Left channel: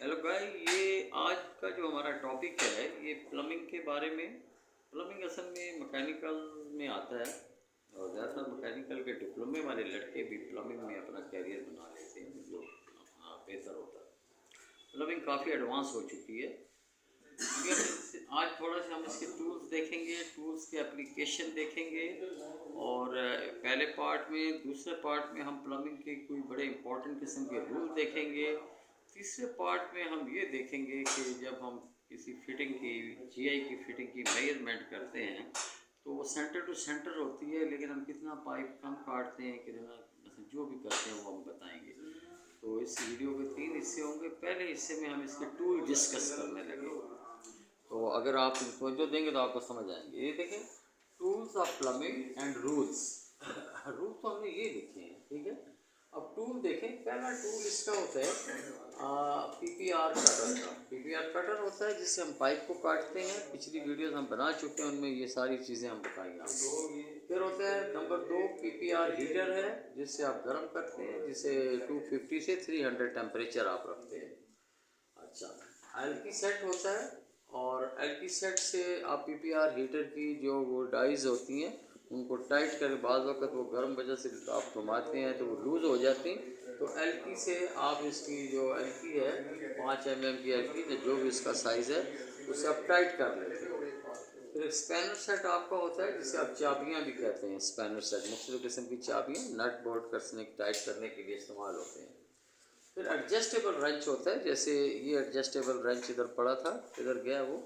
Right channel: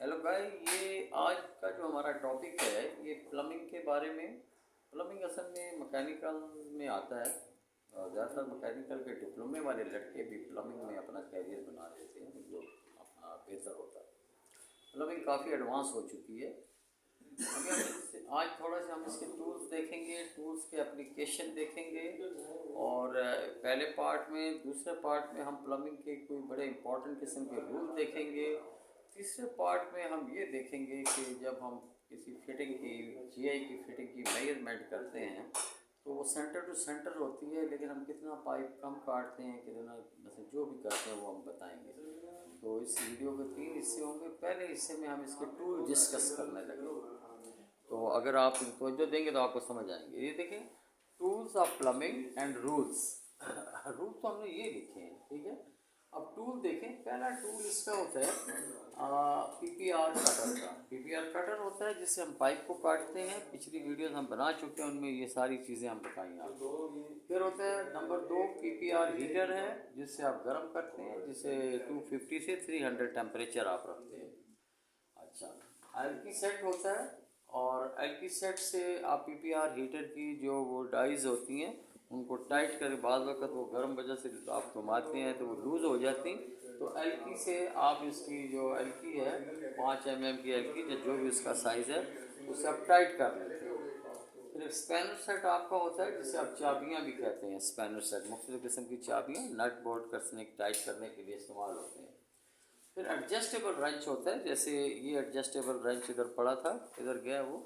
Hello guys, ये आज का जो हमारा टॉपिक है ये प्लम्बिंग के बारे में। प्लम्बिंग असल में मैकेनिकल में आता है और ज़्यादातर मैकेनिकल के डिप्लोमे वाले लड़के भी प्लम्बिंग में अपना कैरियर बना लेते हैं जो अपना बेहतर होता है। प्लम्बिंग काफ़ी एडवांस हो चुकी है। अभी आज थोड़ा सा हम इसके टूल्स देखेंगे, टूल्स के एप्लीकेशन देखेंगे और पहले पार्ट में, दूसरे पार्ट में हम प्लम्बिंग के कोई बड़े इंपॉर्टेंट किस्म के रूल देखेंगे। तीसरे पार्ट में हम ये देखेंगे कि जब हम किसी फिटिंग की, जीआई की फिटिंग की मेजरमेंट करते हैं तो वो सेंटर टू सेंटर होती है, लेकिन हम कितना पाइप कम काटते हैं, कितना जो भी करते हैं वो हम बताएंगे। तो इस वीडियो के 3 हिस्से होंगे। पहले हिस्से में हम इसके टूल डिस्कस करने लगे, तो अगर आप तवज्जो देंगे तो आपको समझ आएंगे। ये देखें, tools of plumbing and rules. Rule तो हमने ये लिखे हैं, ठीक है। अब टूल देखें, पहला टूल इसका होता है पीपीआर कटर का। पीपीआर कटर होता है जिससे हम पाइप को काटते हैं। पिछली वीडियोस हम बना चुके हैं, उनमें ये सारी चीज़ें हम बताएंगे आपको। फिर होता है नंबर 2 पीपीआर हीटर है, जिससे आप गर्म करते हैं, जिसे 250 से 300 टेम्परेचर आप रखते हैं। अच्छा, एल्की सेट होता है और एल्की सेट से आप पीपीआर हीटर की जो वो डाइज होती हैं उनको टाइट करके बाद वक्त वो गर्म वजह से आप घुमाते हैं तो वो लूज़ हो जाती। तो एल्की से आप इसकी जो एल्की है 5 mm की एल्की, तो जो भी इसका साइज़ है उसे आप टाइट कर लेते हैं। फिर स्पैनर सेट आपका होता है जिसे आप चाबियाँ भी कहते हैं। स्पैनर सेट मुख्तलिफ़ किस्म की चाबियाँ नट बोल्ट कसने टाइट करने के लिए इस्तेमाल होते हैं। फिर एडजस्टेबल रंच होता है, जैसे ये एडजस्टेबल रंच इधर पड़ा था, इधर गया वो।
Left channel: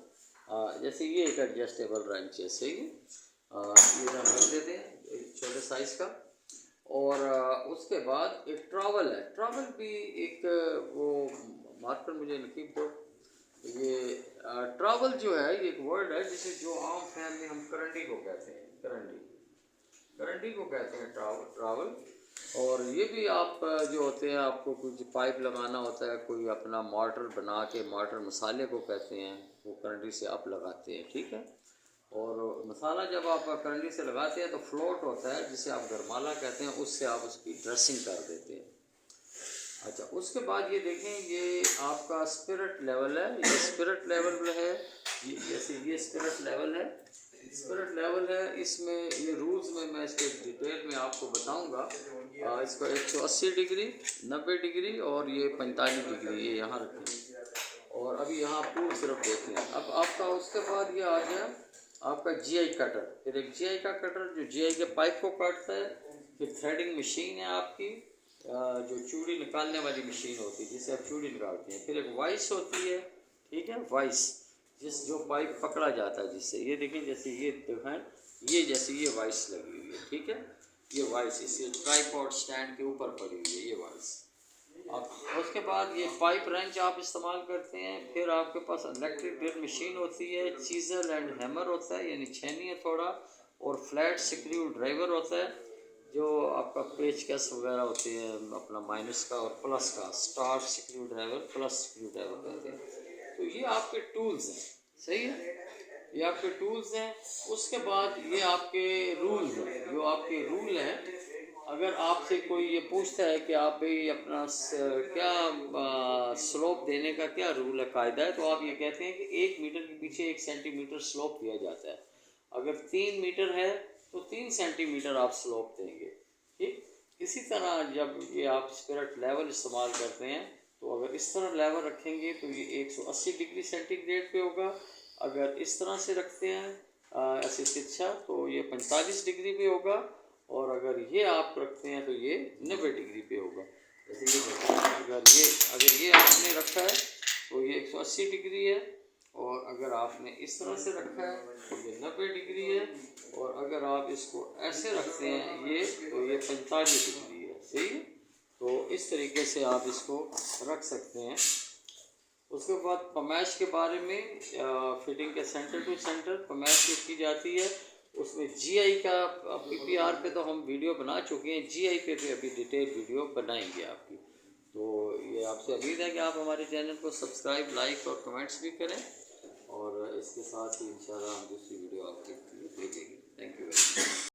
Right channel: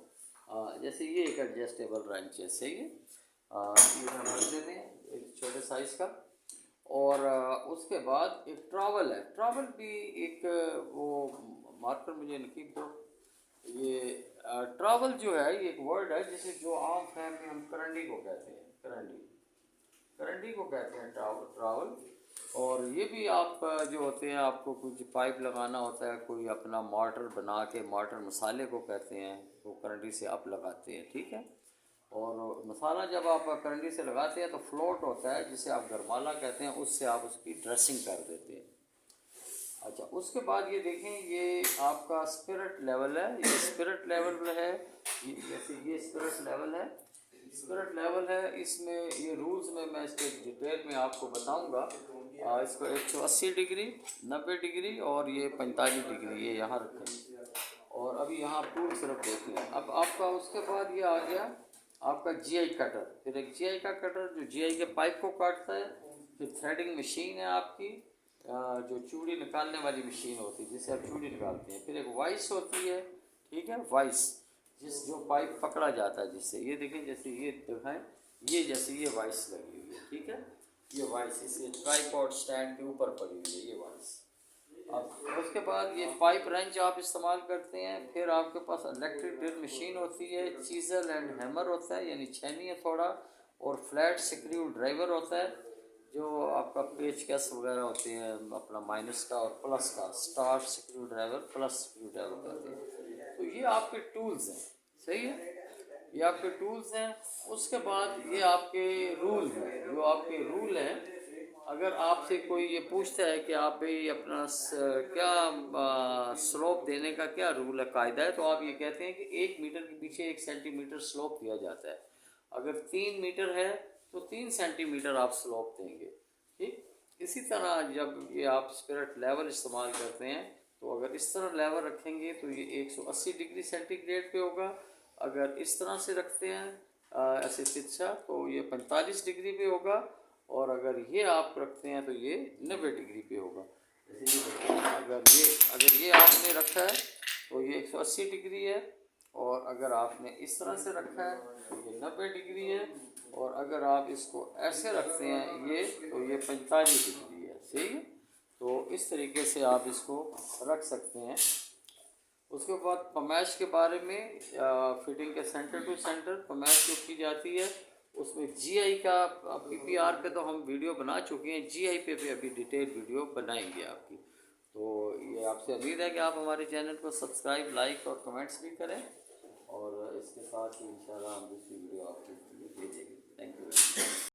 जैसे ये एक एडजस्टेबल रंच है, सही है। ये हम रख देते हैं एक छोटे साइज़ का। और उसके बाद एक ट्रॉवल है। ट्रॉवल भी एक वो मार्कर मुझे नकीब दो। ये ट्रॉवल जो है ये एक वर्ड है जिसे जो आम फैम में हम करंडी को कहते हैं। करंडी को कहते हैं ट्रॉवल। और ये भी आप जो होते हैं, आपको कुछ पाइप लगाना होता है, कोई अपना मोटर बना के, मोटर मसाले को कहते हैं, वो करंडी से आप लगाते हैं, ठीक है। और मसाला जब आप करंडी से लगाते हैं तो फ्लोट होता है जिसे आप गरमाला कहते हैं, उससे आप उसकी ड्रेसिंग कर देते हैं। अच्छा, उसके बाद ये देखें, ये आपका स्पिरिट लेवल है। ये स्पिरिट लेवल है, जैसे ये स्पिरिट लेवल है। स्पिरिट लेवल है, इसमें ये रूल्स में मैं इसके डिटेल में आपको बताऊंगा। इसको 180 डिग्री, 90 डिग्री और ये 45 डिग्री ये यहाँ रखें। और अभी यहाँ टूल सिर्फ देख लें। अब आपका उसके बाद ये आ गया आपका जीआई कटर। फिर एक जीआई का कटर जो जीआई के पाइप को काटता है। फिर थ्रेडिंग मशीन है आपकी, जो चूड़ी निकालने वाली मशीन होती है जिससे आप चूड़ी निकालते हैं। फिर एक वाइस होती है, ठीक है, वाइस जो पाइप पकड़ा जाता है जिससे। ये देखें, जैसे ये है, ये जैसे ये वाइस लगी हुई है, ठीक है। ये वाइस इसे ट्राइपॉड स्टैंड के ऊपर पड़ी हुई है, ये वाइस। अब उसके बाद ये पाइप रेंच आप इस्तेमाल करते हैं। फिर आपके पास इलेक्ट्रिक ड्रिल मशीन होती है, चीज़र एंड हैमर होता है, यानी छेनी है थोड़ा, और फ्लैट स्क्रू ड्राइवर होता है जो आपका पेचकस वगैरह होते हैं अपना माइनस का और प्लस का, star screw driver, plus screw driver कहते हैं। तो ये आपके टूल्स हैं, सही है, ये आपके टूल्स हैं। उसके बाद ये आपके रूल हैं, जो आपके रूल हैं। अगर आपसे कोई ये पूछता है कि आप भाई अपना क्या स्लोप देने का क्या रूल है, कायदा है, तो आप ये कहते हैं कि 1 मीटर के पीछे 1 सेंटीमीटर स्लोप दिया जाता है। अगर 3 मीटर है तो 3 सेंटीमीटर आप स्लोप देंगे, ठीक। इसी तरह जब ये आप स्पिरिट लेवल इस्तेमाल करते हैं तो अगर इस तरह लेवल रखेंगे तो ये 180 डिग्री सेंटीग्रेड पे होगा। अगर इस तरह से रखते हैं ऐसे तिरछा तो ये 45 डिग्री पे होगा। और अगर ये आप रखते हैं तो ये 90 डिग्री पे होगा। जैसे ये अगर ये आपने रखा है तो ये 180 डिग्री है, और अगर आपने इस तरह से रखा है तो ये 90 डिग्री है, और अगर आप इसको ऐसे रखते हैं ये तो ये 45 डिग्री है, सही है। तो इस तरीके से आप इसको रख सकते हैं। उसके बाद पमैश के बारे में, फिटिंग के सेंटर टू सेंटर पमैश जो की जाती है उसमें जीआई का, पीपीआर पे तो हम वीडियो बना चुके हैं, जीआई पे भी अभी डिटेल वीडियो बनाएंगे आपकी। तो ये आपसे उम्मीद है कि आप हमारे चैनल को सब्सक्राइब, लाइक और कमेंट्स भी करें, और इसके साथ ही इंशाल्लाह हम दूसरी वीडियो आपके लिए भेजेंगे। Thank you very much.